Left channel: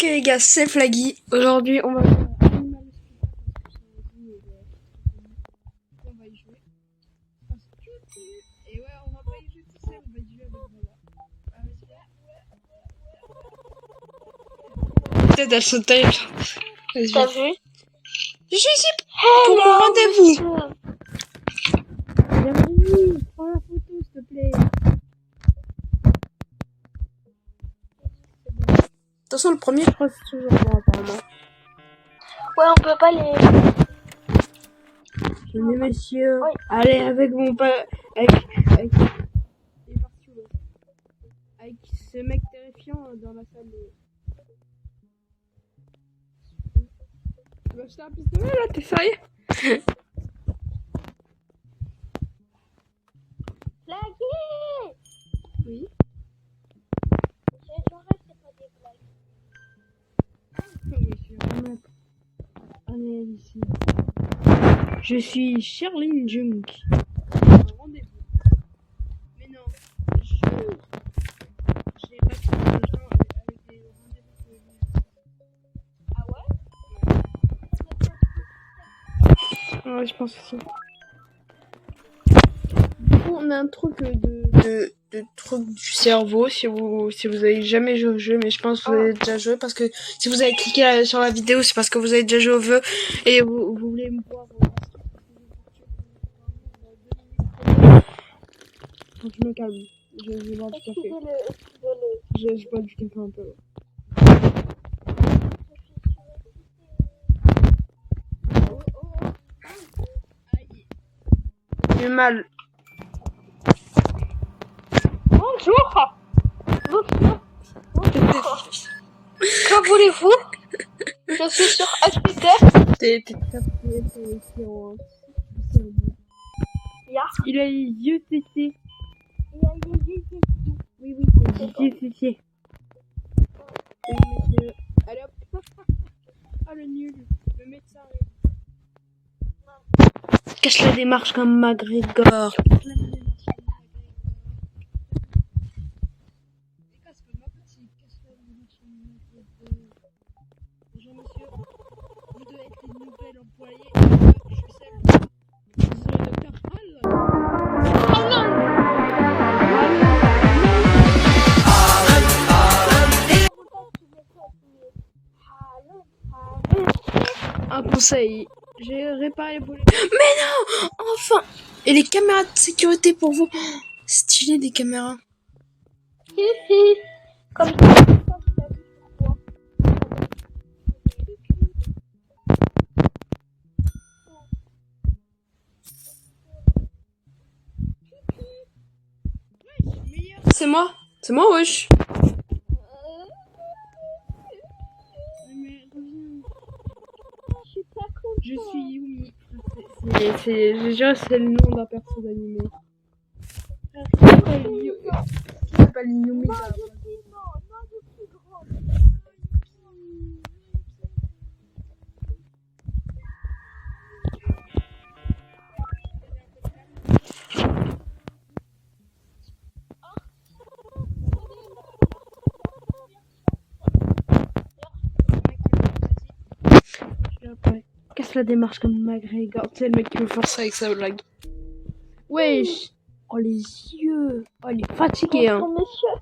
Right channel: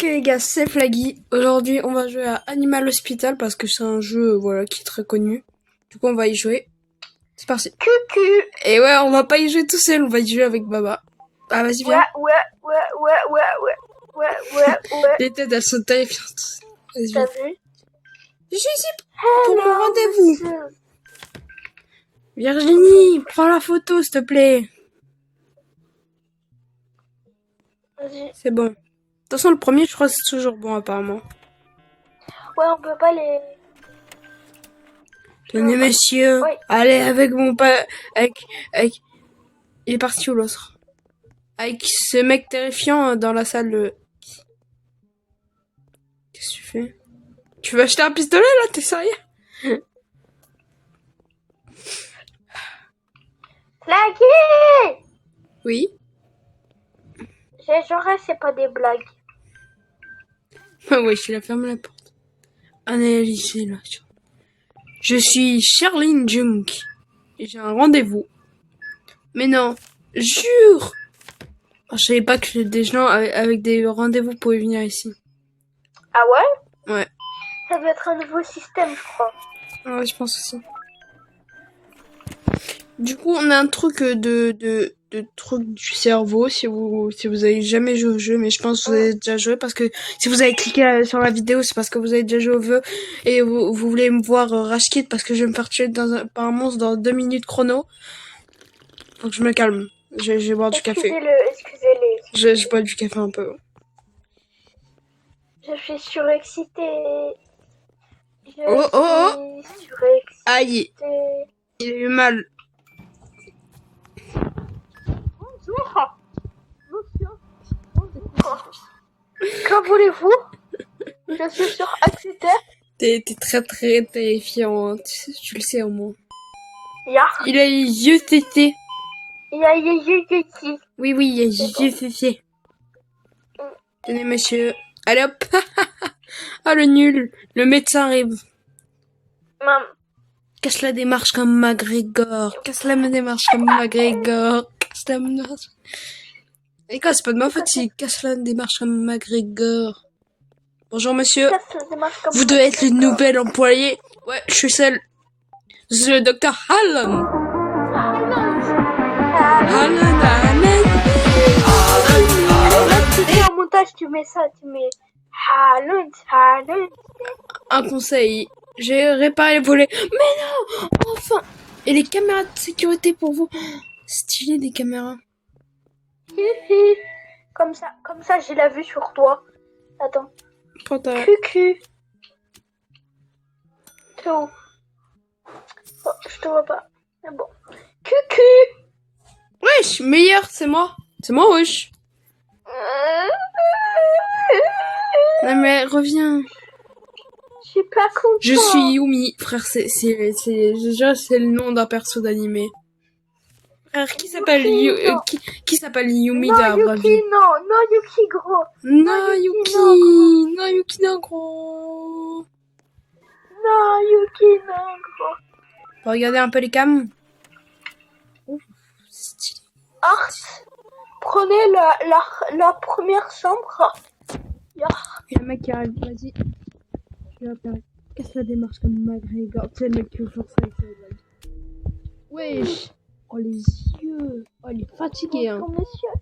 Ok les gars, c'est Flaggy. Aujourd'hui, on va jouer à Animal Hospital parce que c'est un jeu voilà qui est très connu. Du coup, on va y jouer. C'est parti. Cucu. Et ouais, on va pas y jouer tout seul, on va y jouer avec Baba. Ah, vas-y, viens. Ouais. Les têtes, elles sont terrifiantes. Vas-y, T'as viens. vu? Je suis ici pour mon rendez-vous. Virginie, prends la photo, s'il te plaît. Vas-y. C'est bon. De toute façon, le premier, je crois que c'est toujours bon, apparemment. Ouais, on peut pas les... Tenez, monsieur. Oui. Allez, avec mon pa... Avec... Il est parti où, l'autre? Avec ce mec terrifiant dans la salle. Qu'est-ce que tu fais? Tu veux acheter un pistolet, là? T'es sérieux? Flaggy. Oui. Genre, c'est pas des blagues. Ah ouais, je la ferme la porte. Analysez là. Je suis Charlene Junk. J'ai un rendez-vous. Mais non, jure. Je savais pas que des gens avec des rendez-vous pouvaient venir ici. Ah ouais? Ouais. Ça va être un nouveau système, je crois. Ouais, je pense aussi. Du coup, on a un truc de truc du cerveau si vous avez jamais joué au jeu, mais je pense que vous avez déjà joué parce que si vous avez cliqué sur la vidéo, c'est parce que vous avez déjà joué au jeu et vous voulez me voir rage quit parce que je vais me faire tuer par un monstre dans 2 minutes chrono. Donc je me calme. Je vais boire du café. Excusez-les. Je bois du café un peu. Je suis surexcitée. Surexcitée. Aïe, il a eu mal. Bonjour. Que voulez-vous? Je suis sur Twitter. T'es très très terrifiant, tu le sais au moins. Ya. Il a les yeux tétés. Ya. Oui, il a les yeux tétés. Tenez, monsieur. Allez hop. Ah, le nul. Le médecin arrive. Maman. Casse la démarche comme McGregor. Casse la démarche comme McGregor. Casse la démarche. Et quoi, c'est pas de ma faute si casse la démarche comme McGregor. Bonjour, monsieur. Vous devez être le nouvel employé. Ouais, je suis seul. Je suis le docteur Allen. Et au montage, tu mets ça, tu mets Halund. Un conseil. J'ai réparé les volets. Mais non! Enfin! Et les caméras de sécurité pour vous. Stylé des caméras. Comme ça, j'ai la vue sur toi. Attends. Cucu. T'es où? Oh, je te vois pas. Mais bon. Cucu. Wesh, meilleur, c'est moi. C'est moi, wesh. Non mais reviens. Je suis pas content. Je suis Yumi, frère. Je jure, c'est le nom d'un perso d'animé. Frère, qui s'appelle Yumi dans la vraie vie? Non, Yuki gros. Non, Yuki non gros. Non, Yuki non gros. Regardez un peu les cams. Art, prenez la première chambre. Le mec qui arrive, vas-y. Je vais apparaître. Casse la démarche comme McGregor. Tu sais, le mec qui veut faire ça avec sa blague. Wesh. Oh, les yeux. Oh, il est fatigué, hein. Bonjour, monsieur.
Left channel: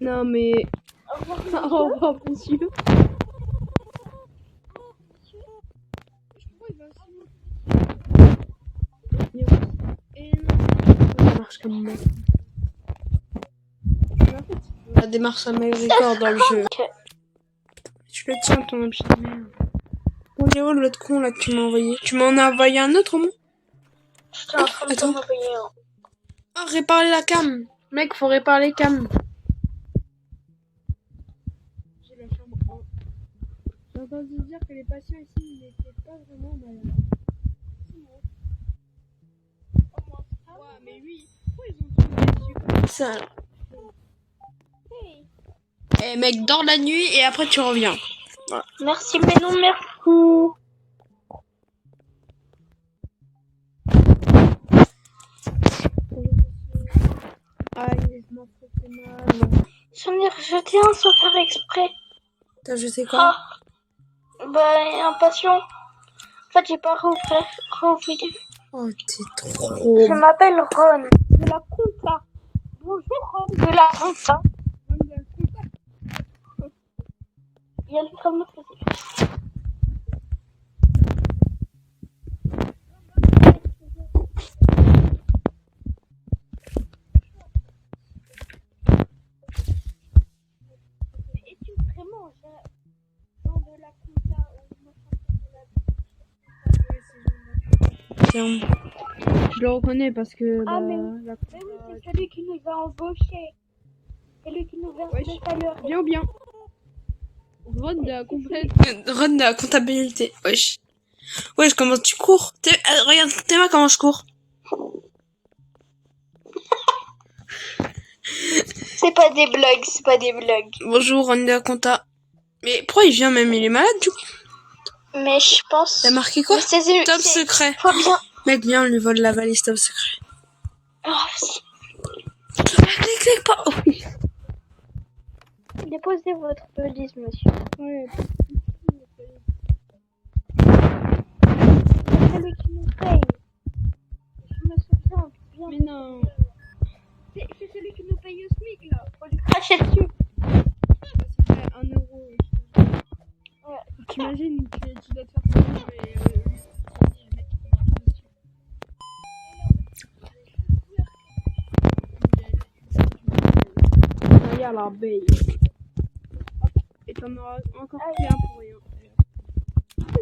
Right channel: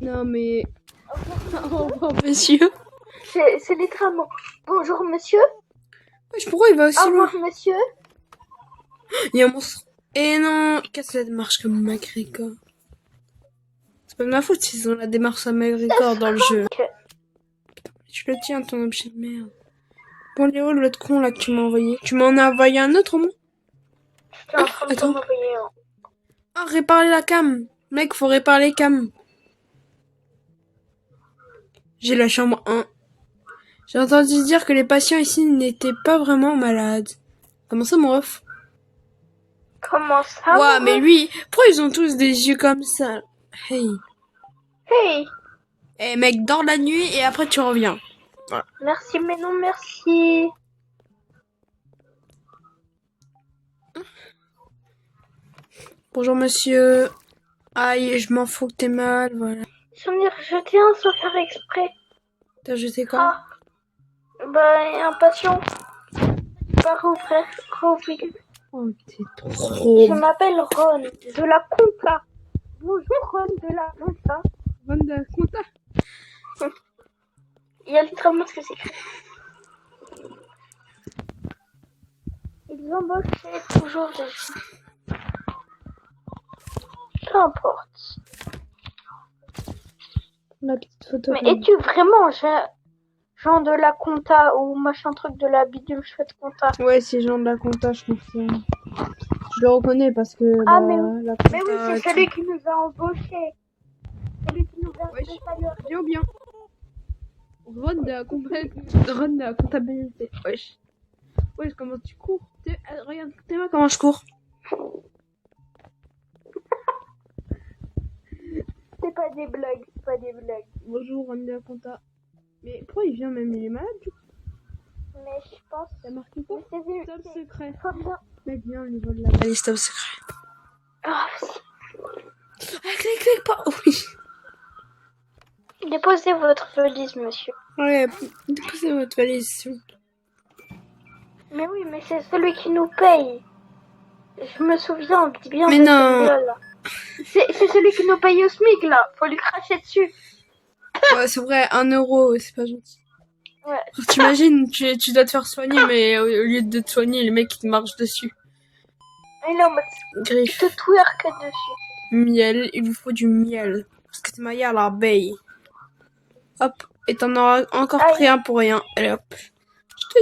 Non, mais... Au revoir, monsieur. C'est littéralement. Bonjour, monsieur. Wesh, pourquoi il va aussi Au loin? revoir, monsieur. Il y a un monstre. Et non, casse la démarche comme McGregor. C'est pas de ma faute s'ils ont la démarche à McGregor dans le jeu. Je le tiens, ton objet de merde. Bon, Léo, l'autre con là que tu m'as envoyé. Tu m'en as envoyé un autre au moins? Je suis en train de t'en envoyer un. Ah, réparer la cam. Mec, faut réparer les cams. J'ai la chambre 1. J'ai entendu dire que les patients ici n'étaient pas vraiment malades. Comment ça, mon ref? Comment ça? Ouais, mais lui, pourquoi ils ont tous des yeux comme ça? Hey. Eh mec, dors la nuit et après tu reviens. Voilà. Merci, mais non, merci. Bonjour monsieur. Aïe, je m'en fous que t'es mal. Voilà. Je tiens sans faire exprès. Je sais quoi. Ah, bah, impatient. En fait, j'ai pas rouvert. Oh, t'es trop... Je m'appelle Ron, de la Compta. Bonjour Ron, de la Compta. Ron de la Compta. Il y a littéralement ce que c'est écrit. Ils embauchent toujours des gens. Peu importe. La petite photo. Mais es-tu vraiment Jean de la Compta ou machin truc de la bidule chouette Compta? Ouais, c'est Jean de la Compta, je confirme. Je le reconnais parce que Ah, bah, mais oui. la Mais oui, Compta... c'est celui qui nous a embauchés. Celui qui nous verse le salaire. Bien ou bien. Ron de la complète. Ron de la comptabilité. Wesh. Wesh, comment tu cours? Regarde, t'es comment je cours. C'est pas des blagues, c'est pas des blagues. Bonjour, Ron de la compta. Mais pourquoi il vient même? Il est malade du coup? Mais je pense... T'as marqué quoi? Top secret. Faut bien... Mec, viens, on lui vole la valise top secret. Oh, vas-y. Clique pas. Oh, oui. Déposez votre valise, monsieur. Ouais, déposez votre valise. Mais oui, mais c'est celui qui nous paye. Je me souviens bien Mais de non. ce gars-là. C'est celui qui nous paye au SMIC, là. Faut lui cracher dessus. Ouais, c'est vrai, 1 euro, c'est pas gentil. Ouais. T'imagines, tu dois te faire soigner, mais au lieu de te soigner, le mec il te marche dessus. Et là, tu Griffe. te twerk dessus. Miel, il vous faut du miel. Parce que c'est maillé à l'abeille. Hop, et t'en auras encore pris un pour rien. Allez hop. Je te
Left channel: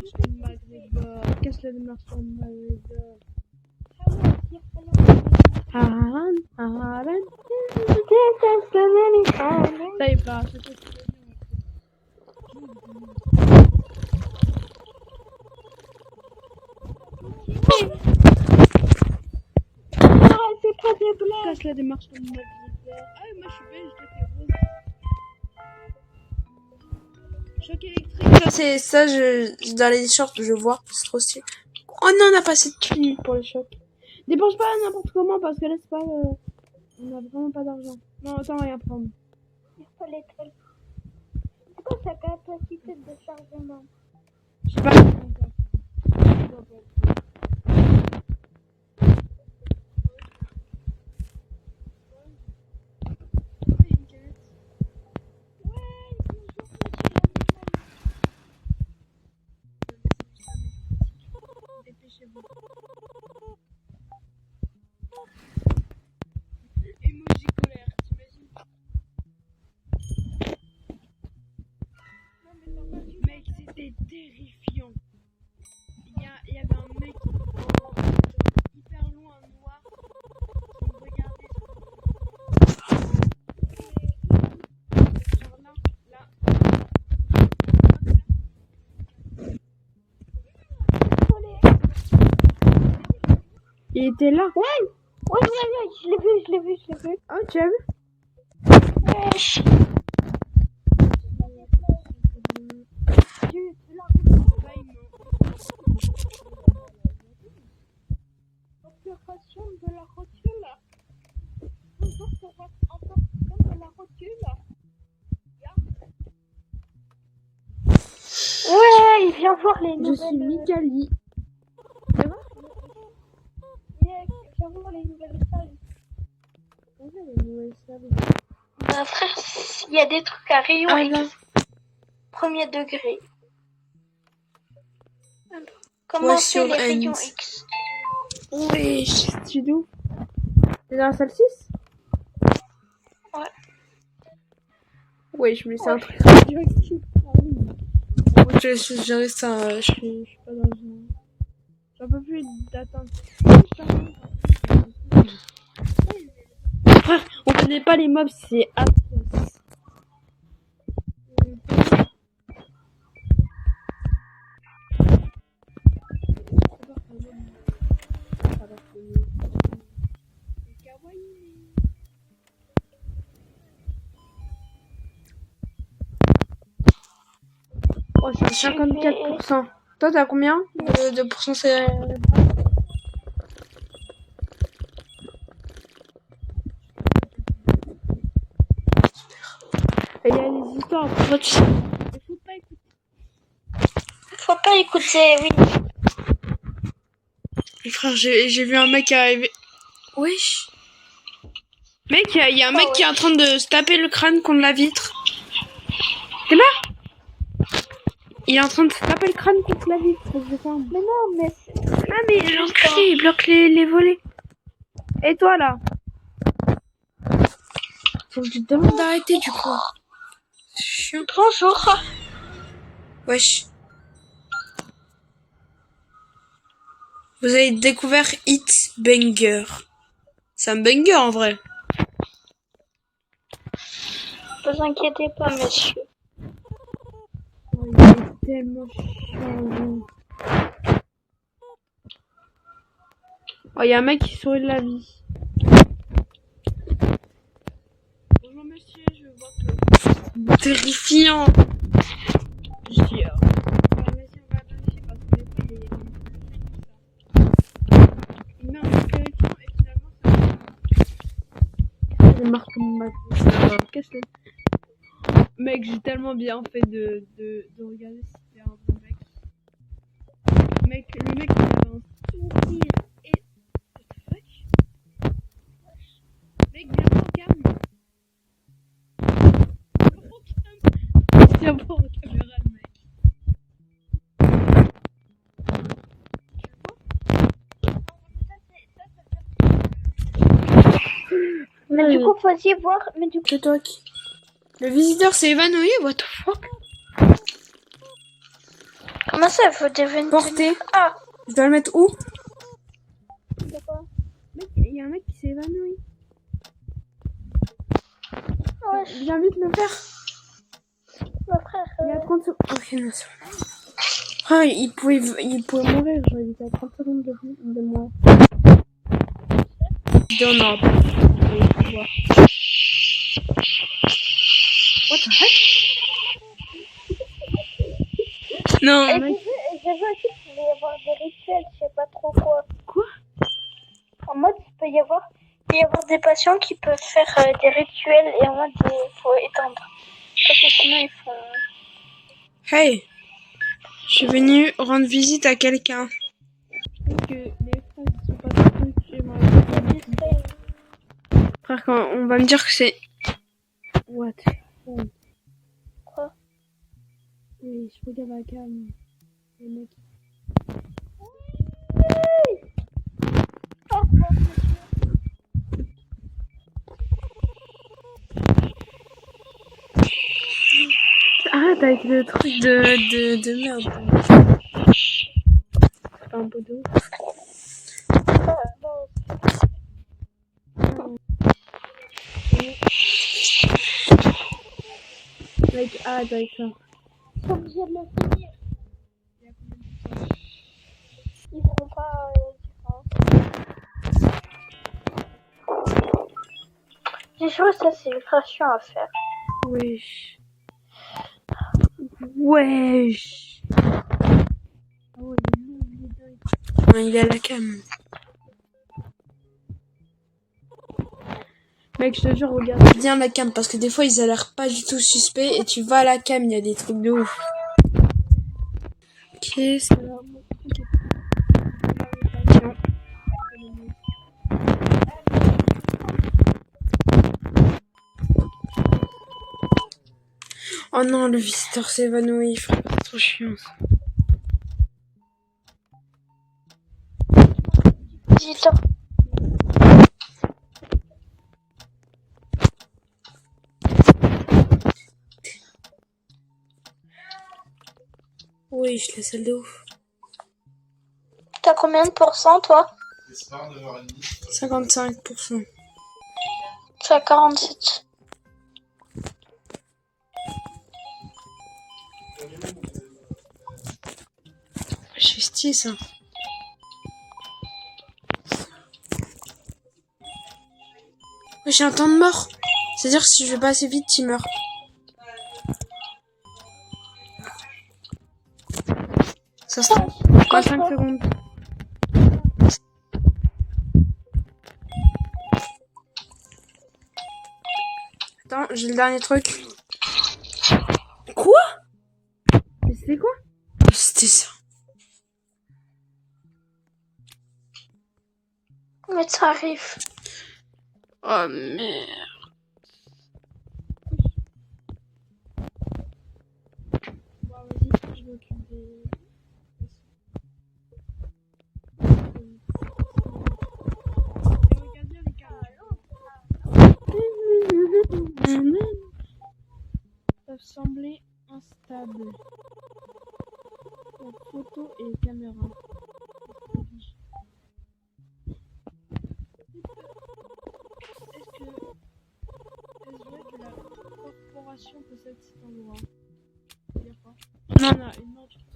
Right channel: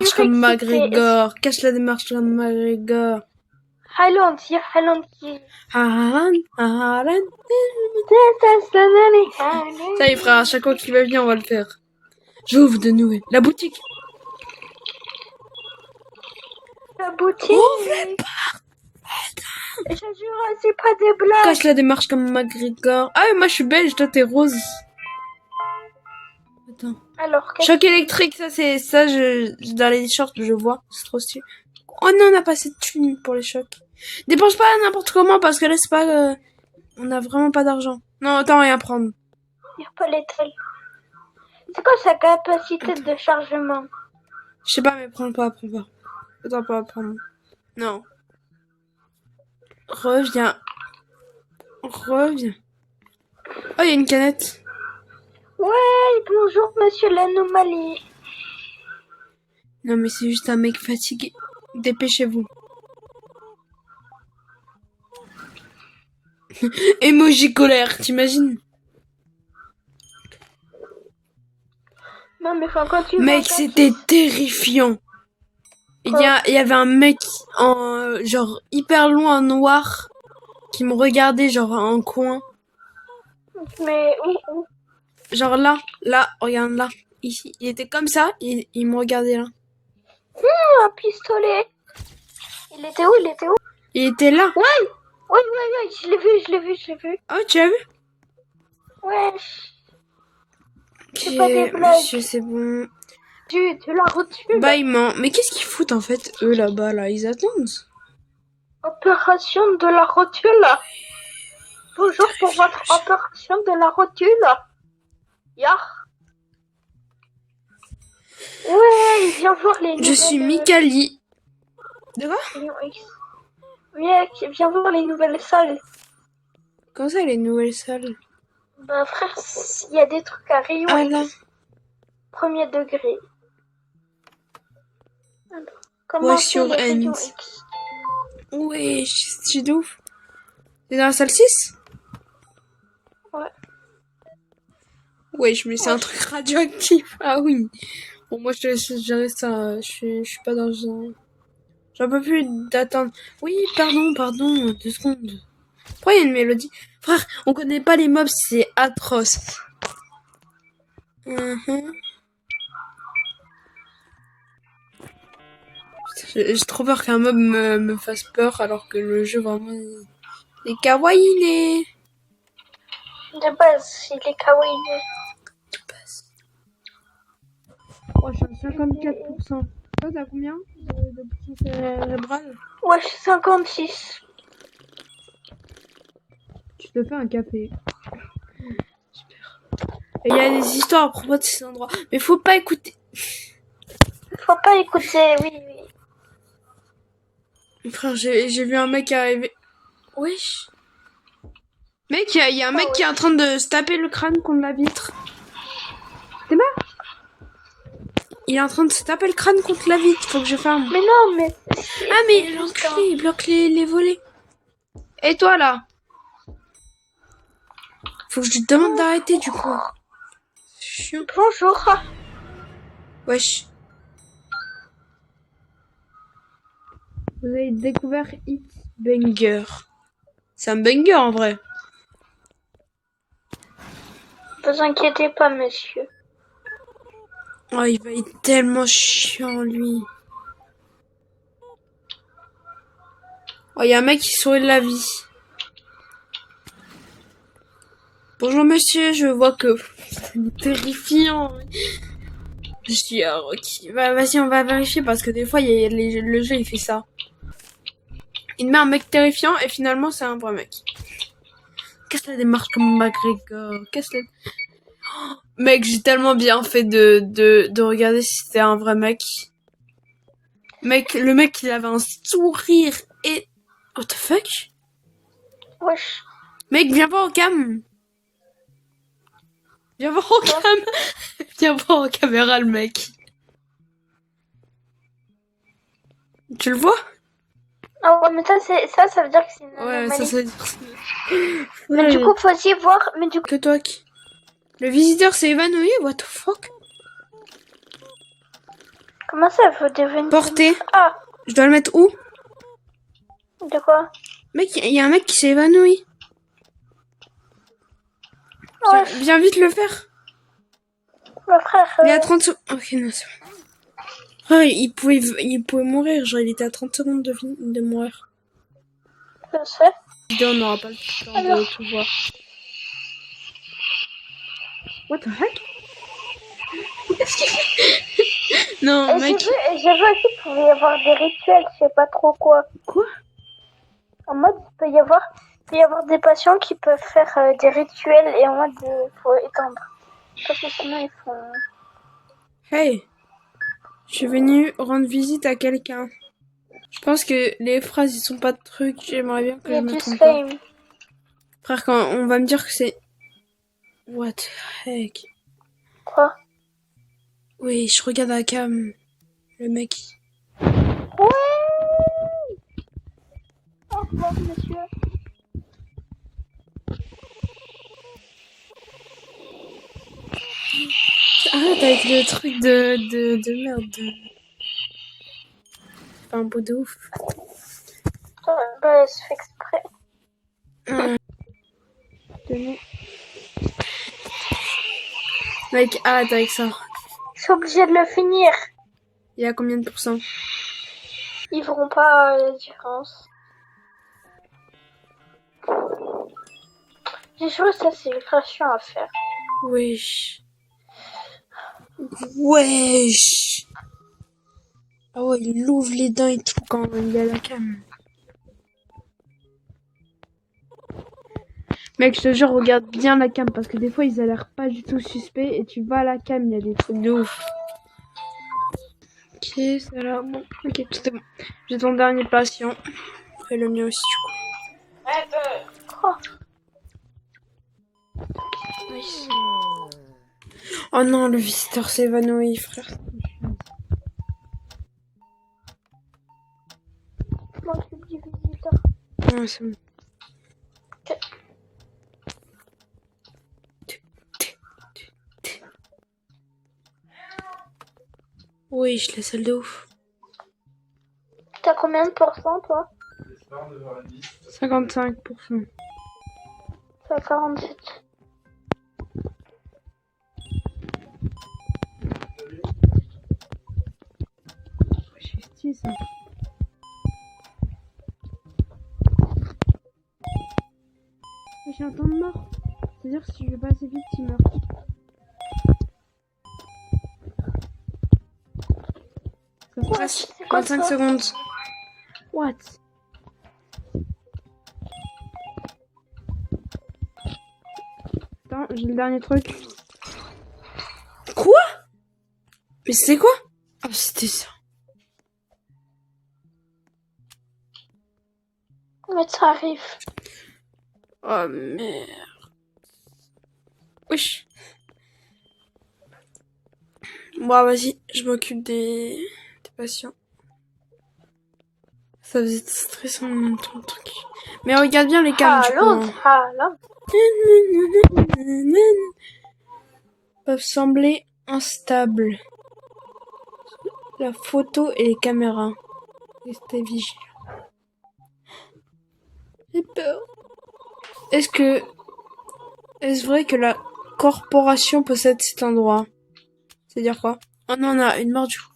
nique comme McGregor. Cache la démarche de McGregor. Highland. Haaland. Ça y est frère, à chaque fois qu'il va venir on va le faire. J'ouvre de nouvelles. La boutique. La boutique. C'est pas des blagues. Cache la démarche comme McGregor. Ah moi je suis belge, toi t'es rose. Attends. Alors, Choc électrique, ça c'est ça, dans les shorts je vois, c'est trop stylé. Oh non, on a pas assez de thunes pour les chocs. Dépense pas n'importe comment parce que là c'est pas, on a vraiment pas d'argent. Non, attends, rien prendre. Il n'y a pas l'étal. C'est quoi sa capacité de chargement? Je sais pas, prends pas. Attends, pas prendre. Non. Reviens. Oh, il y a une canette. Ouais, bonjour monsieur l'anomalie. Non mais c'est juste un mec fatigué. Dépêchez-vous. Emoji colère, t'imagines? Non mais faut continuer. Mec, c'était terrifiant. Il y avait un mec en genre hyper loin noir qui me regardait genre en coin. Mais où? Genre là, regarde là. Ici, il était comme ça, il me regardait là. Un pistolet. Il était où? Il était là. Ouais, je l'ai vu. Oh, tu as vu? Wesh. Ok, pas des blagues. monsieur, c'est bon. Tu la rotule. Bah, il ment. Mais qu'est-ce qu'ils foutent en fait, eux là-bas, là? Ils attendent. Opération de la rotule. Bonjour pour votre opération de la rotule. Yar. Ouais, viens voir les nouvelles... Je suis Mikali. De quoi? Viens voir les nouvelles salles. Comment ça, les nouvelles salles? Bah frère, il y a des trucs à rayon Ah, X. là. Premier degré. Comment c'est les rayons X? Ouais, c'est de ouf. T'es dans la salle 6? Ouais. Ouais, je mets c'est un truc radioactif. Ah oui. Bon, moi, je gérer ça. Je suis pas dans un... J'en peux plus d'attendre. Oui, pardon. 2 secondes. Pourquoi il y a une mélodie? Frère, on connaît pas les mobs, c'est atroce. J'ai trop peur qu'un mob me fasse peur alors que le jeu vraiment il est kawaii. De base, il est kawaii. Oh, je suis 54%. Toi, t'as combien de pourcent cérébral? Ouais, je suis 56. Tu te fais un café. Il y a des histoires à propos de cet endroit. Mais faut pas écouter. Faut pas écouter, oui. Frère, j'ai vu un mec arriver. Wesh. Mec, il y a un mec qui est en train de se taper le crâne contre la vitre. T'es mort? Il est en train de se taper le crâne contre la vitre. Faut que je ferme. Mais non, mais... Ah, mais l'enculé, il bloque les volets. Et toi, là? Faut que je lui demande d'arrêter, du coup. C'est chiant. Bonjour. Wesh. Vous avez découvert Hit Banger. C'est un banger, en vrai. Ne vous inquiétez pas, monsieur. Oh, il est tellement chiant, lui. Oh, il y a un mec qui sourit de la vie. Bonjour, monsieur, je vois que c'est terrifiant. Je dis, ok. Bah, vas-y, on va vérifier parce que des fois, le jeu, il fait ça. Il met un mec terrifiant et finalement, c'est un vrai mec. Qu'est-ce que ça démarre comme Magritte, là? Qu'est-ce que... Mec, j'ai tellement bien fait de regarder si c'était un vrai mec. Mec, le mec, il avait un sourire et... What the fuck? Wesh. Mec, viens voir au cam. Viens voir au cam. Viens voir en caméra, le mec. Tu le vois? Ah ouais, mais ça veut dire que c'est... Ouais, ça veut dire ça. Mais du coup, faut aussi voir... Mais du coup... C'est toi qui... Le visiteur s'est évanoui, what the fuck? Comment ça, il faut devenir... Porté. Ah, Je dois le mettre où? de quoi? Mec, il y a un mec qui s'est évanoui. Ouais, Viens vite le faire. mon frère... Il est à 30 secondes. Ok, non, c'est bon. Oh, il pouvait mourir, genre il était à 30 secondes de mourir. Je sais. Vidéo, on aura pas. Alors... Tu vois. What the heck? Non, Et mec. j'ai vu aussi qu'il pouvait y avoir des rituels, je sais pas trop quoi. Quoi? En mode, il peut y avoir des patients qui peuvent faire des rituels et en mode, il faut étendre. Parce que sinon, ils font... Hey! Je suis venue rendre visite à quelqu'un. Je pense que les phrases, ils sont pas de trucs. J'aimerais bien que Il y je a me du trompe pas. slime. Frère, quand on va me dire que c'est... What the heck? Quoi? Oui, je regarde la cam. Le mec. Oui! Au revoir, monsieur. Arrête avec le truc de merde. C'est pas un beau de ouf. Bah, c'est fait exprès. Mec, arrête avec ça. Je suis obligée de le finir. Il y a combien de pourcents? Ils verront pas la différence. J'ai joué, ça c'est ultra chiant à faire. Wesh. Wesh. Ah ouais, il ouvre les dents et tout quand il est à la cam. Mec, je te jure, regarde bien la cam parce que des fois ils a l'air pas du tout suspects et tu vas à la cam, il y a des trucs de ouf. Ok, c'est là. Bon, ok, tout est bon. J'ai ton dernier patient. Et le mien aussi, du coup. Oh non, le visiteur s'est évanoui, frère, c'est trop chiant ça. Moi, c'est du visiteur. Ouais, c'est bon. Oui, je la salle de ouf. T'as combien de pourcents, toi? 55%. Je suis à 47. C'est stylé ça. J'ai un temps de mort. C'est-à-dire que si je vais pas assez vite, il meurt. Ça stresse. 25 secondes. What? Attends, j'ai le dernier truc. Mais c'était quoi? Oh, c'était ça. Mais ça arrive. Oh merde. Wesh. Bon, vas-y, je m'occupe des patients. Ça faisait stressant ton truc. Mais regarde bien les cams du coup. Peuvent sembler instables. La photo et les caméras. Restez vigilants. J'ai peur. Est-ce vrai que la corporation possède cet endroit? C'est-à-dire quoi? Oh non, on a une mort du coup.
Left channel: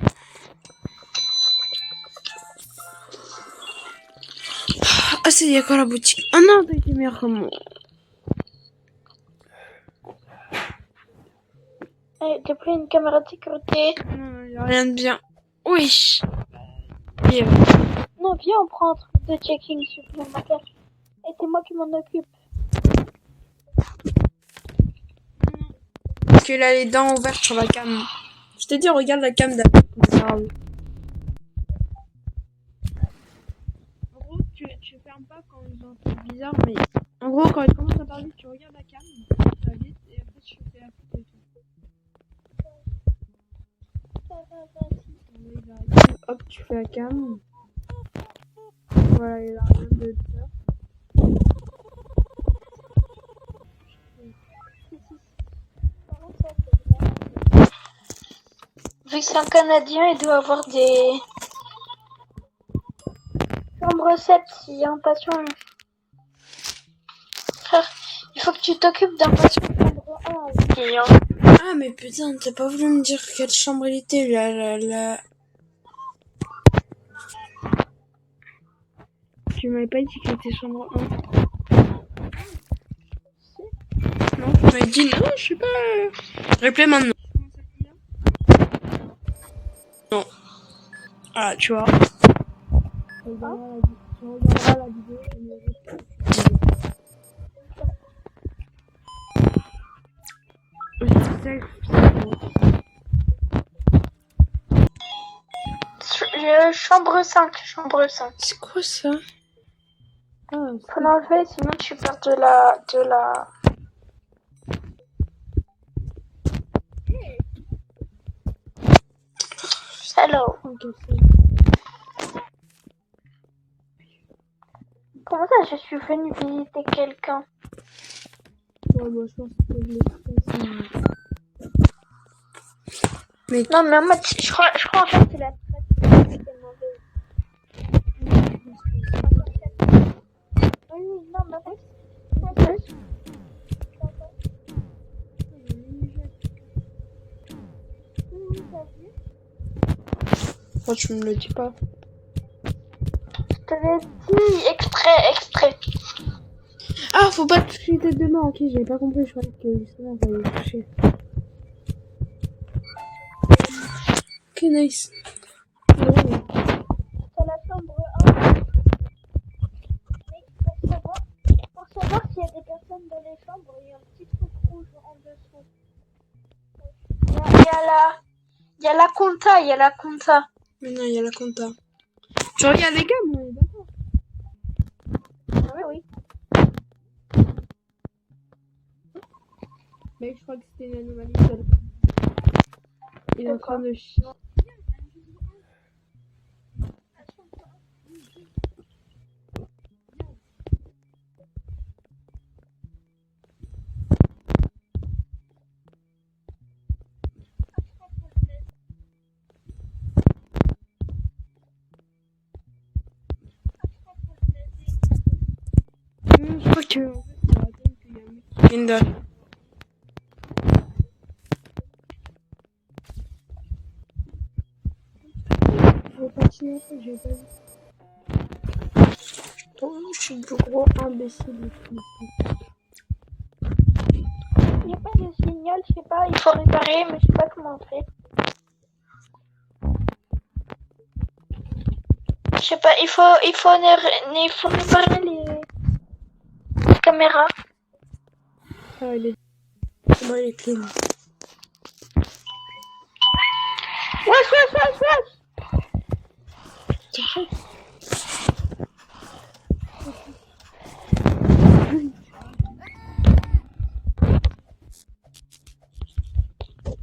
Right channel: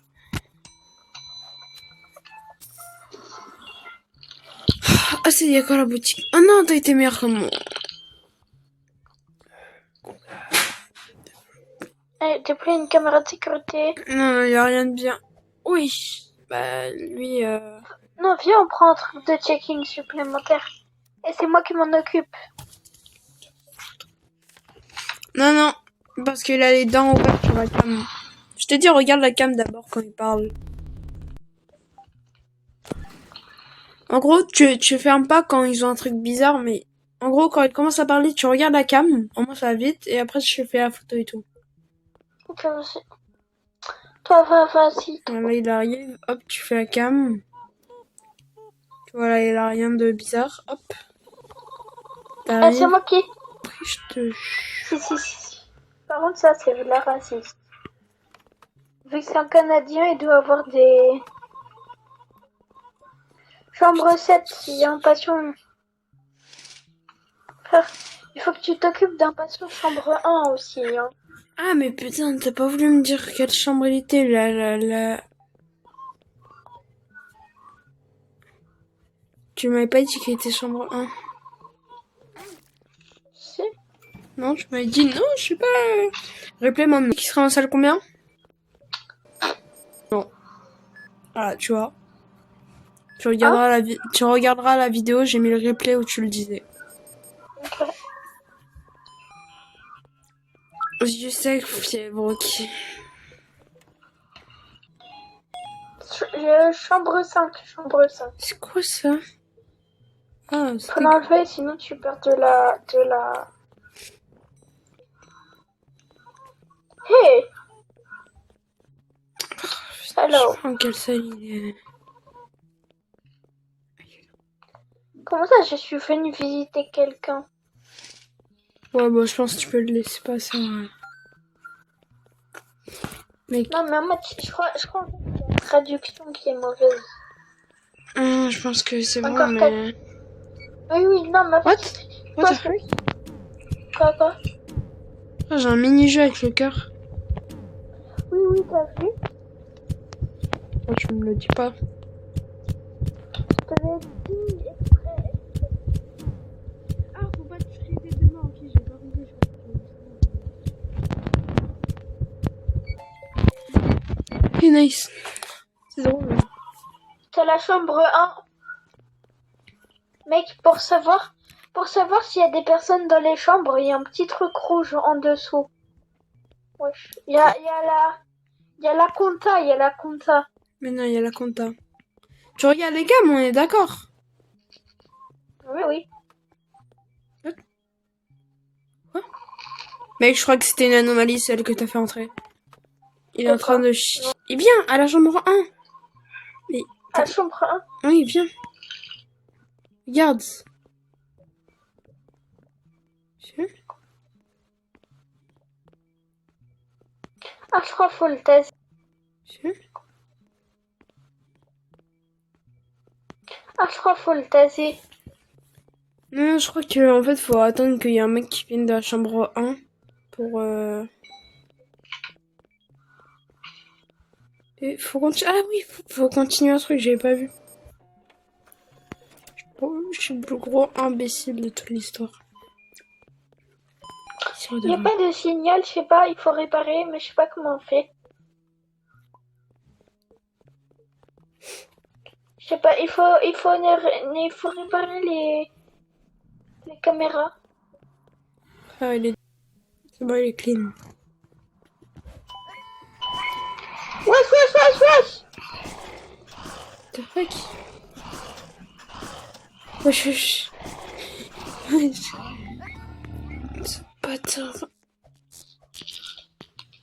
Ah, c'est y a quoi la boutique? Oh non, t'as été meilleur que moi. T'as pris une caméra de sécurité. Non, y a rien de bien. Oui. Bah, lui, Non, viens, on prend un truc de checking supplémentaire. Et c'est moi qui m'en occupe. Non, parce qu'il a les dents ouvertes sur la cam. Je t'ai dit, regarde la cam d'abord quand il parle. En gros, tu fermes pas quand ils ont un truc bizarre, mais en gros, quand ils commencent à parler, tu regardes la cam, au moins ça va vite, et après je fais la photo et tout. Ok, vas-y. Toi, vas-y. Voilà, il a rien. Hop, tu fais la cam. Voilà, il a rien de bizarre. Hop. C'est moi qui. Après, je te... Si. Par contre, ça, c'est de la racisme. Vu que c'est un Canadien, il doit avoir des... Chambre 7, il y a un patient. Frère, il faut que tu t'occupes d'un patient chambre 1 aussi, hein. Ah, mais putain, t'as pas voulu me dire quelle chambre il était, là. Tu m'avais pas dit qu'il était chambre 1. Si. Non, tu m'avais dit non, je sais pas. Replay maintenant. Qui sera en salle combien? Non. Ah, tu vois. Tu regarderas la vidéo, j'ai mis le replay où tu le disais. Ok. Aussi, je sais que c'est pour qui. Chambre 5. C'est quoi ça? Ah, Faut l'enlever, sinon tu perds de la... Hey! Hello. Quelle salle il est... Comment ça, je suis venue visiter quelqu'un? Ouais, bah, je pense que tu peux le laisser passer. Mais... Non, mais en mode, je crois en fait c'est la traduction qui est mauvaise. je pense que c'est Encore bon, mais... Oui, non, mais... What the fuck? Quoi? Ah, j'ai un mini-jeu avec le cœur. Oui, t'as vu? Oh, tu me le dis pas. Je te l'ai dit, extrait. Ah, faut pas toucher les têtes de mort. Ok, j'avais pas compris, je croyais que justement t'allais toucher. Ok, nice. Drôle. C'est la chambre 1. Mec, pour savoir s'il y a des personnes dans les chambres, il y a un petit truc rouge en dessous. Wesh. Il y a la compta. Mais non, il y a la compta. Tu regardes les gammes, on est d'accord. Oui. Mec, je crois que c'était une anomalie, celle que t'as fait entrer. Il est en train de chier. Et viens, à la chambre 1. Mais... À la chambre 1? Oui, viens. Regarde. Ah, je crois qu'il faut le tester. Non, je crois que en fait faut attendre qu'il y ait un mec qui vienne de la chambre 1 pour et faut continuer. Ah oui, faut continuer un truc, j'avais pas vu. Je suis le plus gros imbécile de toute l'histoire. Il n'y a pas de signal, je sais pas, il faut réparer, mais je sais pas comment on fait. Je sais pas, il faut réparer les caméras. Ah, il est clean. T'es fait wesh, wesh. Attends.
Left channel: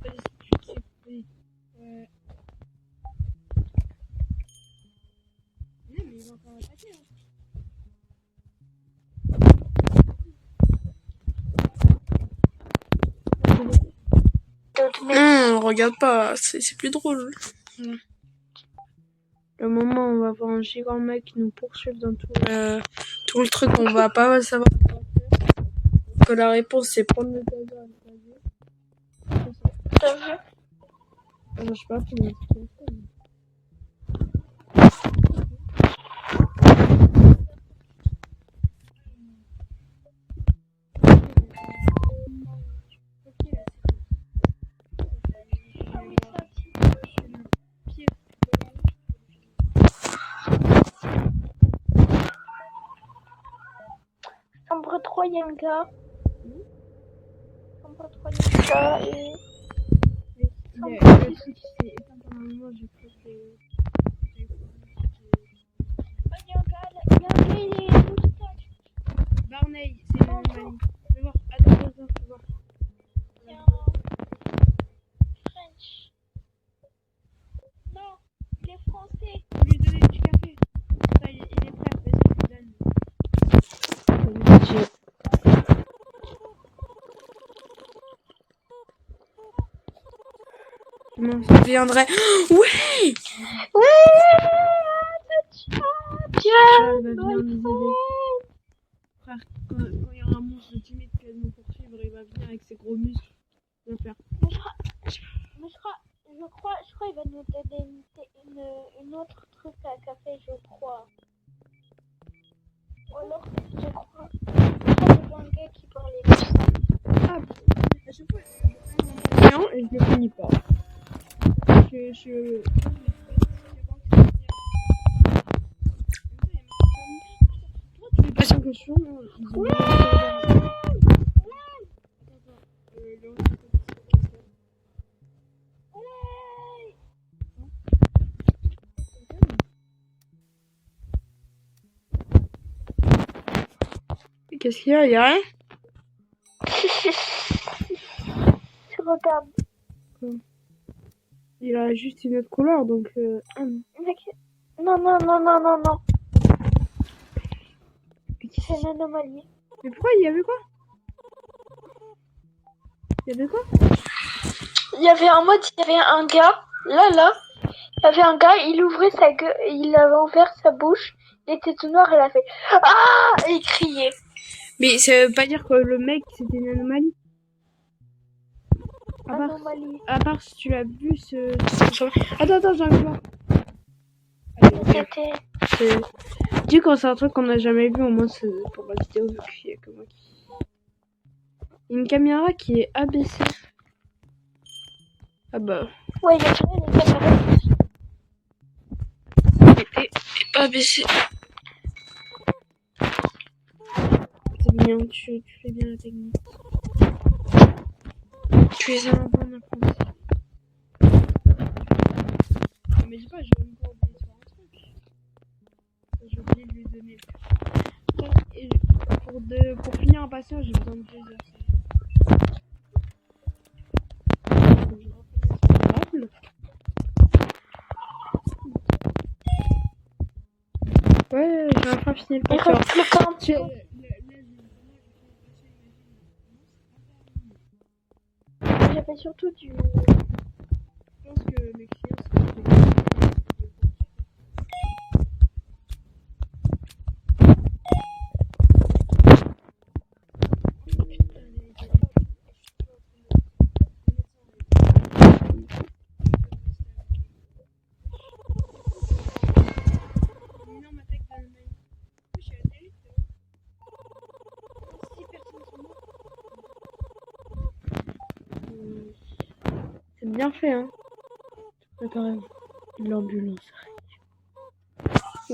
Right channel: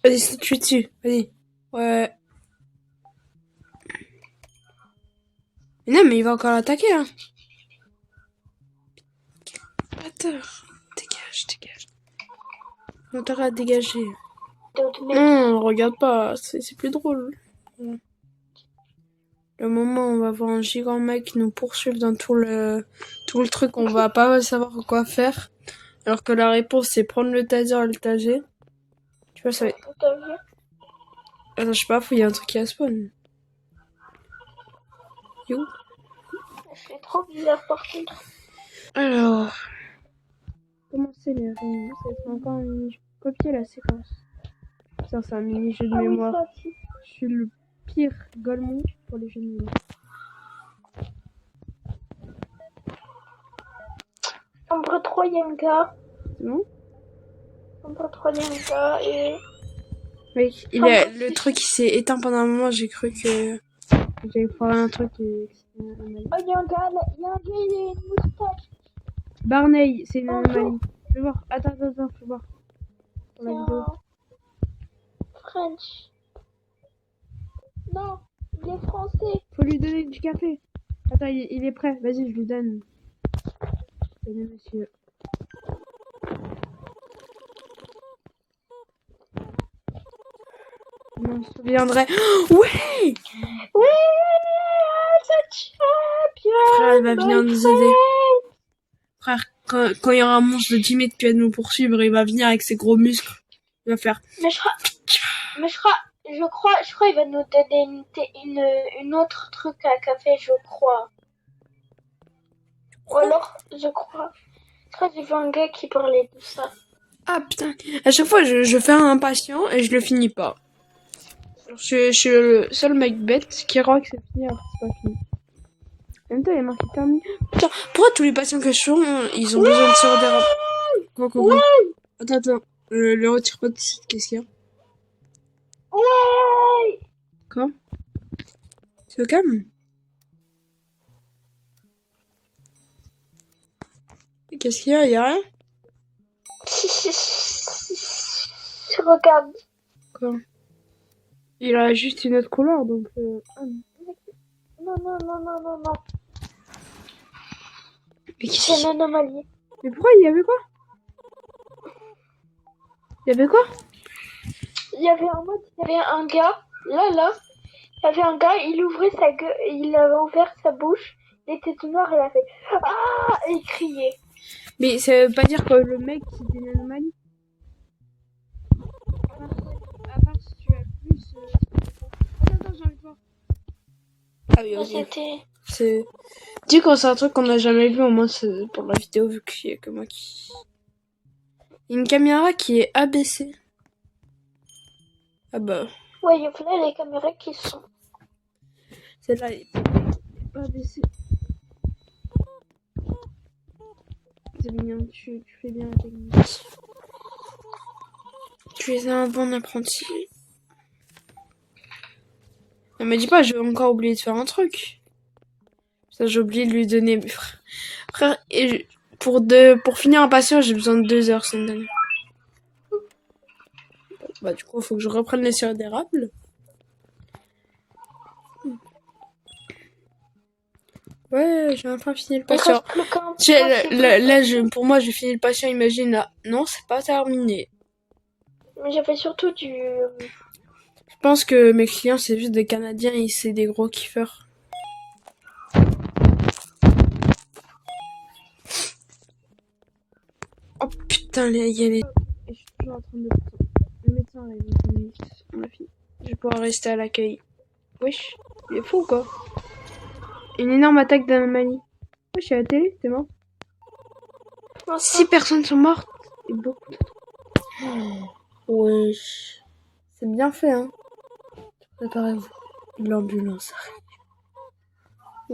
Vas-y, c'est tué dessus. Vas-y. Ouais. Mais non, mais il va encore l'attaquer, hein. Attends. Dégage, dégage. On t'aura à dégager. Non, regarde pas. C'est plus drôle. Le moment où on va voir un gigant mec nous poursuivre dans tout le truc, on va pas savoir quoi faire. Alors que la réponse, c'est prendre le taser et le taser. Je sais pas, ça va être... T'as vu? Attends, je sais pas, il y a un truc qui a spawn. Il est où? Alors... Comment c'est les règles? C'est encore un mini-jeu. Copier la séquence. Putain, c'est un mini-jeu de mémoire. Je suis le pire golemon pour les jeux de mémoire. Chambre 3, il y a un gars. Non? Chambre 3, il y a un gars et... Oui, le truc il s'est éteint pendant un moment, j'ai cru que j'allais faire un truc et... Oh, il y a un gars, il est moustache. Barney, c'est une anomalie. Je vais voir. Attends, je vais voir. Pour la vidéo. French. Non, il est français. Faut lui donner du café. Attends, il est prêt. Vas-y, je lui donne. Comment ça deviendrait... Ouais! Frère, il va venir nous aider. Frère, quand il y aura un monstre de 10 mètres qui va nous poursuivre, il va venir avec ses gros muscles. Il va faire... Mais je crois, il va nous donner une autre truc à café, je crois. Ou alors, je crois qu'il y avait un gars qui parlait de ça. Ah putain, à chaque fois je fais un patient et je le finis pas. Je suis le seul mec bête qui croit que c'est fini alors que c'est pas fini. En même temps, il y a marqué terminé. Putain, pourquoi tous les patients que je fais, ils ont besoin de se redéraper? Quoi. Attends, le retire pas de site, qu'est-ce qu'il y a? Ouais. Quoi? C'est au calme? Qu'est-ce qu'il y a? Il y a rien? Regarde. Quoi? Il a juste une autre couleur, donc... Non. Mais C'est une anomalie. Mais pourquoi il y avait quoi? Il y avait quoi? Il y avait un mode, il y avait un gars, là. Il y avait un gars, il ouvrait sa gueule, il avait ouvert sa bouche, il était tout noir, il a fait ah et il criait. Mais ça veut pas dire que le mec c'était une anomalie. À part si tu l'as vu ce... Attends, j'arrive voir. Ah oui, ok. Dis quand c'est un truc qu'on n'a jamais vu, au moins c'est pour la vidéo vu qu'il y a que moi qui... Une caméra qui est abaissée. Ah bah... Ouais, il y a plein les caméras qui sont... Celle-là, elle est pas abaissée. C'est bien, tu fais bien la technique. Tu es un bon apprenti. Ne me dis pas, j'ai encore oublié de faire un truc. Ça, j'ai oublié de lui donner... Frère, et pour finir un patient, j'ai besoin de 2 heures, c'est une dingue. Bah du coup, faut que je reprenne les sirop d'érable. Ouais, j'ai enfin fini le patient. Pour moi, j'ai fini le patient, imagine là. Non, c'est pas terminé. J'avais surtout du... Je pense que mes clients, c'est juste des Canadiens et c'est des gros kiffeurs. Oh putain, il y a les... Je suis toujours en train de... Le médecin arrive. Je vais pouvoir rester à l'accueil. Wesh, il est fou quoi. Une énorme attaque d'anomalie. Wesh, je suis à la télé, c'est mort. 6 personnes sont mortes. Et beaucoup d'autres. Wesh. C'est bien fait, hein. Préparez-vous. L'ambulance arrive.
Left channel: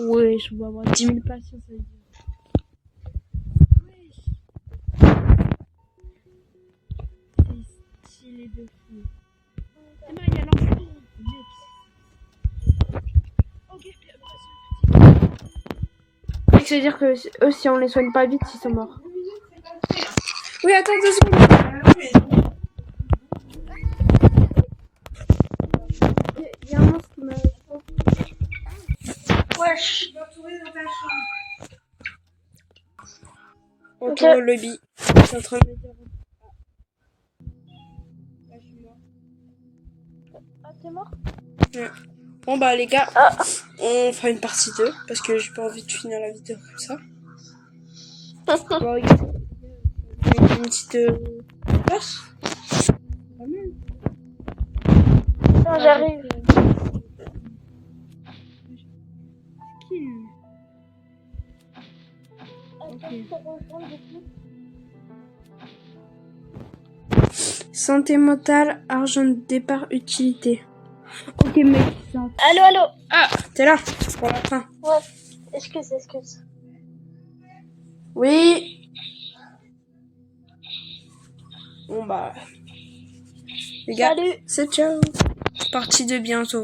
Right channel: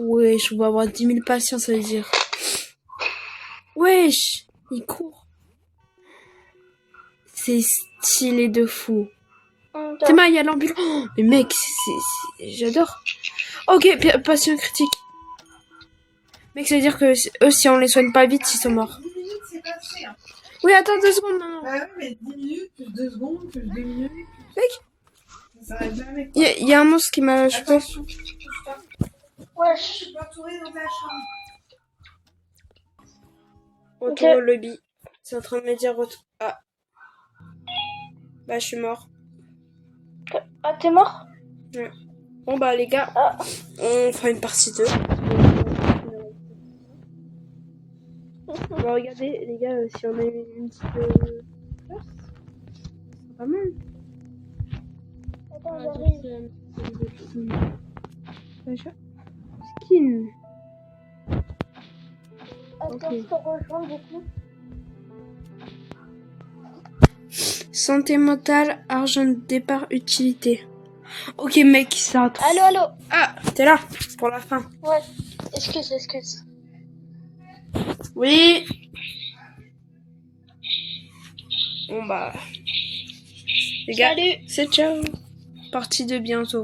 Wesh, on va avoir 10 000 patients, ça veut dire. Wesh, il court. C'est stylé de fou. Théma, il y a l'ambulance. Oh, mais mec, j'adore. Ok, patient critique. Mec, ça veut dire que eux, si on les soigne pas vite, ils sont morts. 10 minutes, c'est passé. Hein. Oui, attends 2 secondes. Bah oui, mais 10 minutes, plus 2 secondes, plus 2 minutes. Mec, Ça va jamais. il y a un monstre qui m'a chopé. Attention, Wesh. tu dois tourner dans ta chambre. Retour au lobby. T'es en train de me dire retour. Ah. Bah, je suis mort. Ah, t'es mort? Ouais. Bon, bah, les gars, Ah. on fera une partie 2 parce que j'ai pas envie de finir la vidéo comme ça. Bon, regardez, les gars, si on a une petite place, c'est pas mal. Non, j'arrive. Skin. Attends, Ok. je te rejoins du coup. Santé mentale, argent de départ, utilité. Ok, mec, ça. Allô, allô. Ah, t'es là pour la fin. Ouais. Excuse. Oui. Bon, bah. Les gars, Salut. c'est ciao. Partie 2 bientôt.